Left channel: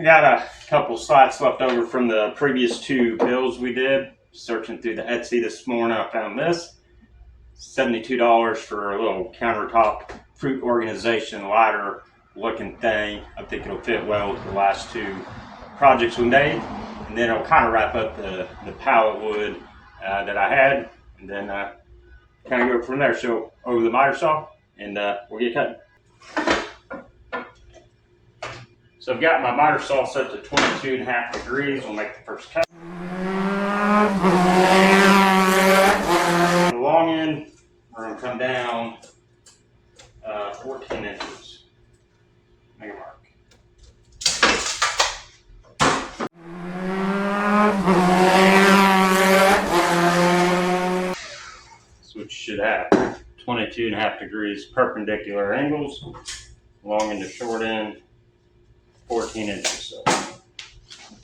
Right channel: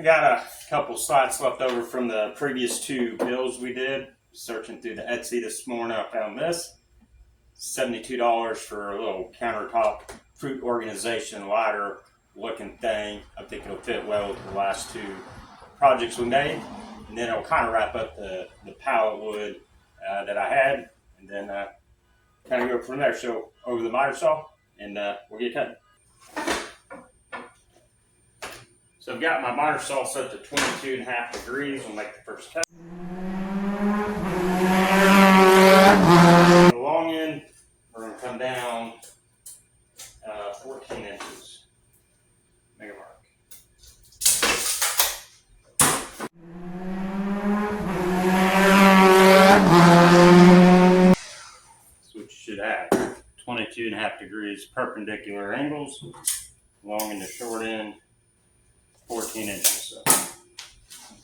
I got a couple slots left over from the previous two builds we did. Searching through the Etsy this morning, I found this. $72 for a little countertop fruit organization ladder looking thing. I think it'll fit well with the last two projects we made. And then it'll kind of wrap up the pallet wood that I had. And then kind of go from there. So over the miter saw and we'll get cutting. So I've got my miter saw set to 22.5 degrees. We'll make the first cut. The long end, we're going to come down 14 inches. Make a mark. That's what you should have. 22.5 degrees perpendicular angles. Long end to short end. 14 inches. So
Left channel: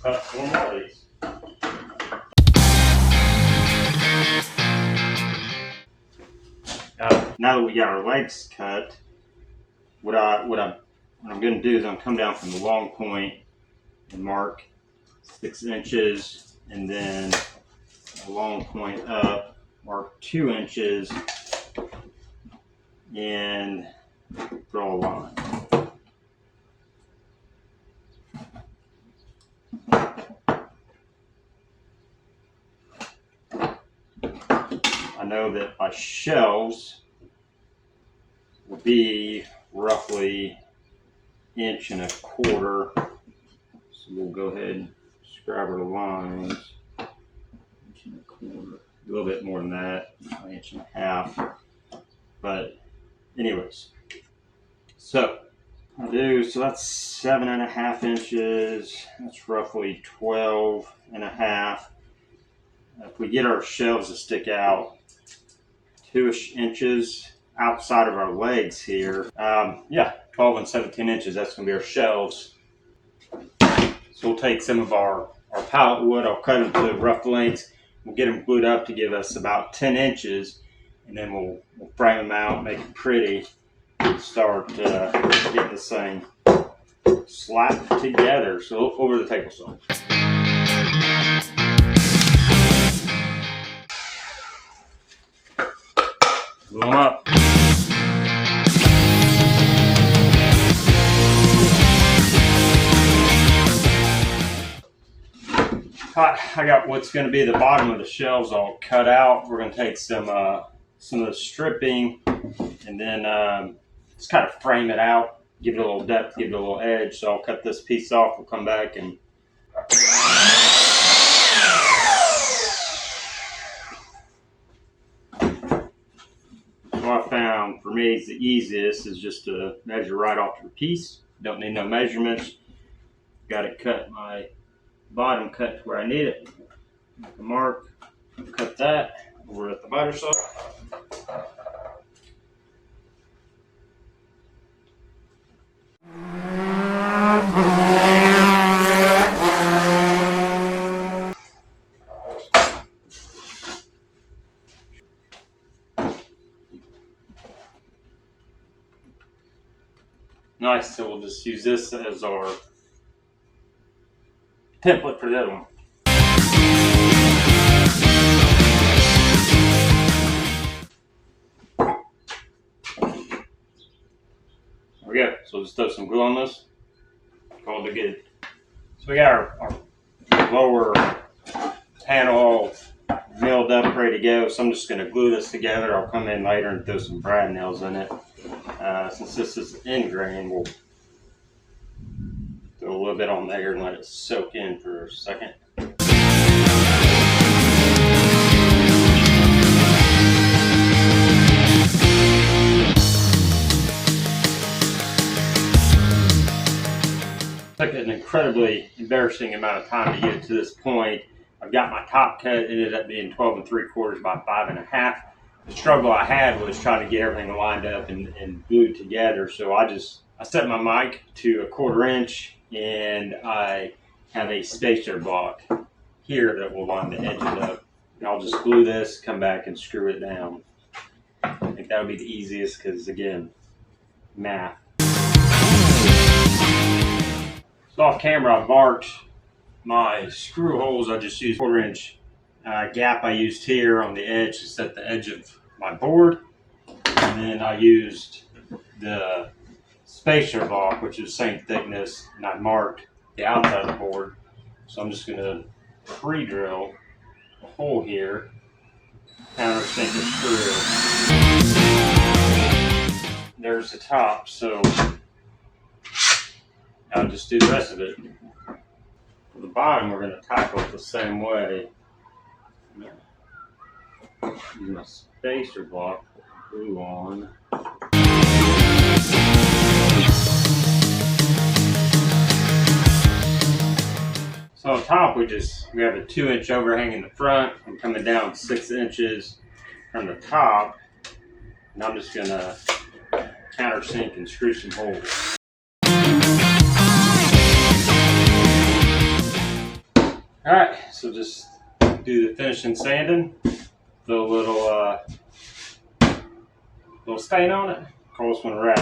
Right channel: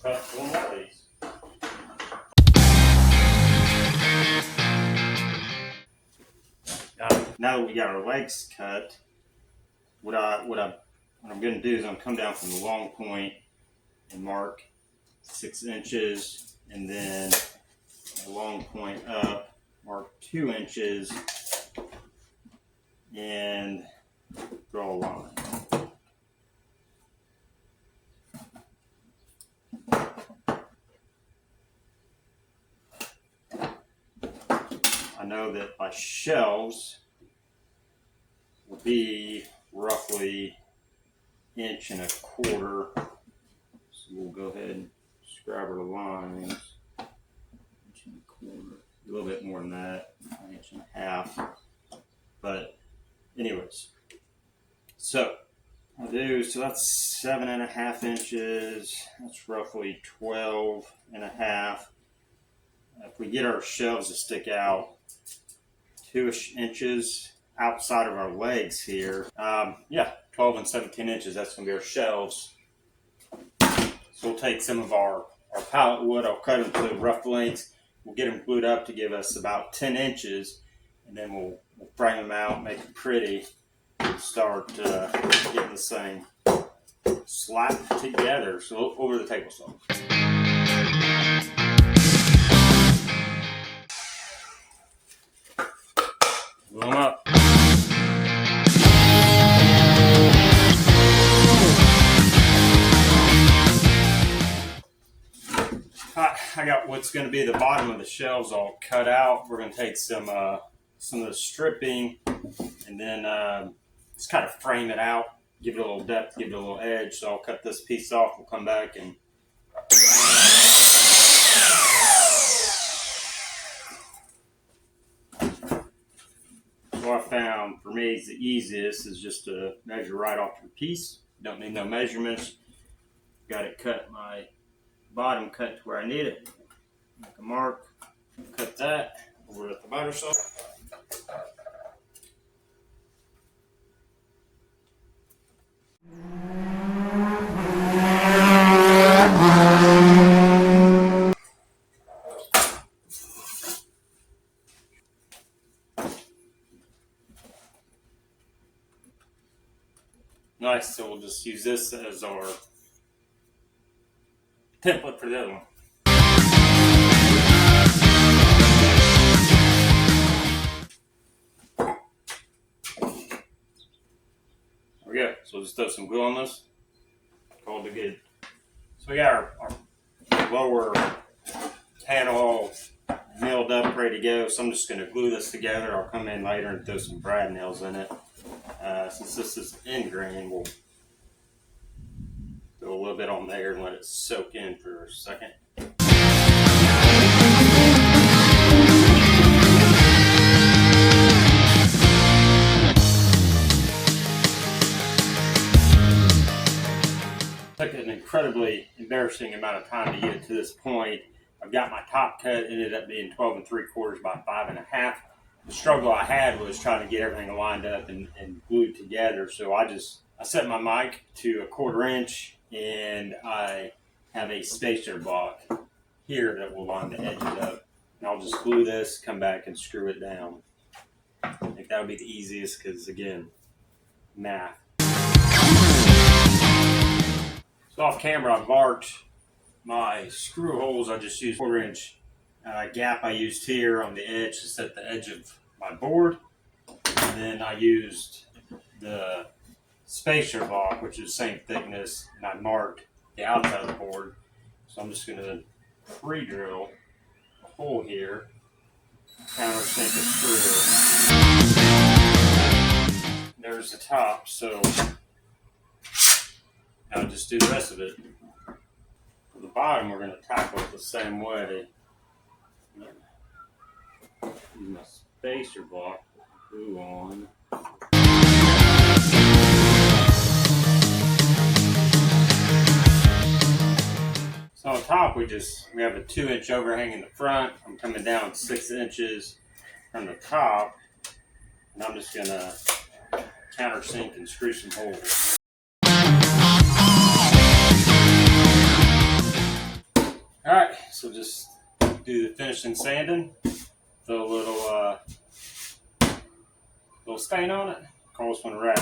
cut one more of these. Now that we got our legs cut, what I'm going to do is I'm come down from the long point and mark 6 inches, and then a long point up, mark 2 inches, and draw a line. I know that my shelves will be roughly 1.25 inches. So we'll go ahead and scribe our lines. 1.25 inches, a little bit more than that, 1.5 inches. But anyways, so I do, so that's 7.5 inches. That's roughly 12.5. If we get our shelves to stick out 2 inches outside of our legs here, 12 and 17 inches, that's going to be our shelves. So we'll take some of our pallet wood, I'll cut them to rough lengths, we'll get them glued up to give us about 10 inches, and then we'll frame them out, make it pretty, and start getting this thing slapped together. So over the table saw. Glue them up. I got what's going to be the bottom of the shelves all cut out. We're going to take some of the stripping and then just kind of frame it out, give it a little depth, give it a little edge. So I'll cut this piece off. We'll come back and what I found for me is the easiest is just to measure right off your piece. Don't need no measurements. Got it cut, my bottom cut to where I need it. Make a mark, cut that over at the miter saw. Nice, so we'll just use this as our template for the other one. There we go. So we'll just throw some glue on this. Call it good. So we got our lower panel milled up, ready to go. So I'm just going to glue this together. I'll come in later and throw some brad nails in it. Since this is end grain, we'll throw a little bit on there and let it soak in for a second. Took an incredibly embarrassing amount of time to get it to this point. I've got my top cut, it ended up being 12.75 by 5.5. The struggle I had was trying to get everything lined up and glued together. So I set my mic to 1/4 inch, and I have a spacer block here that will line the edges up. And I'll just glue this, come back and screw it down. I think that would be the easiest because, again, math. So off camera, I marked my screw holes. I just used 1/4 inch gap I used here on the edge to set the edge of my board. And then I used the spacer block, which is the same thickness, and I marked the outside of the board. So I'm just going to pre-drill a hole here, countersink the screw. There's the top, so I'll just do the rest of it. For the bottom, we're going to tackle it the same way. Use my spacer block, glue on. So on top, we have a 2-inch overhang in the front. I'm coming down 6 inches from the top, and I'm just going to countersink and screw some holes. All right, so just do the finishing sanding. Put a little stain on it. Of course, when we're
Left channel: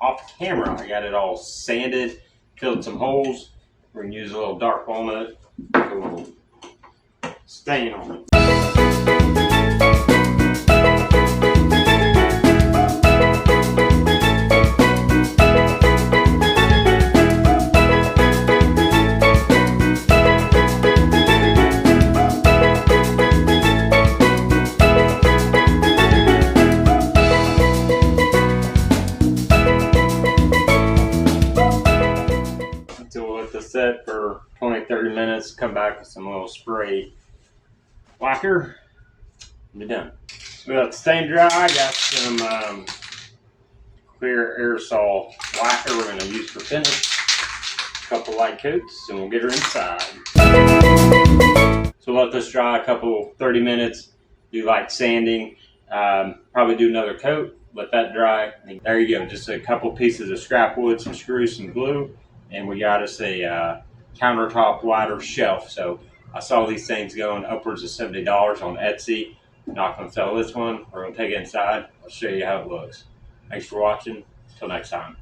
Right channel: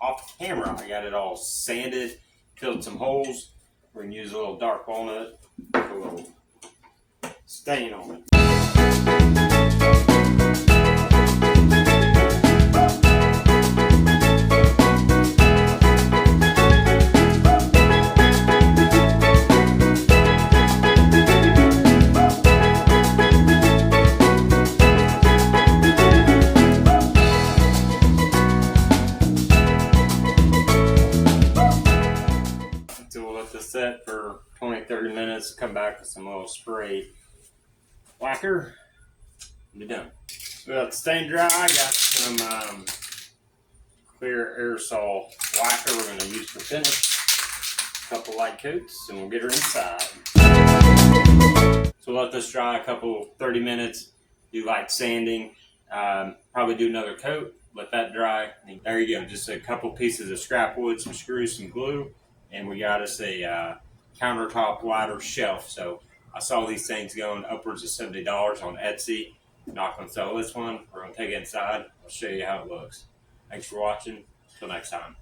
off camera, I got it all sanded, filled some holes. We're gonna use a little dark walnut, put a little stain on it. Set for 20-30 minutes, come back with some little spray lacquer, and be done. So we got the stain dry, got some clear aerosol lacquer we're going to use for finish, a couple light coats, and we'll get her inside. So we'll let this dry a couple 30 minutes, do light sanding, probably do another coat, let that dry. And there you go, just a couple pieces of scrap wood, some screws, some glue, and we got us a countertop ladder shelf. So I saw these things going upwards of $70 on Etsy. I'm not going to sell this one. We're going to take it inside. I'll show you how it looks. Thanks for watching. Until next time.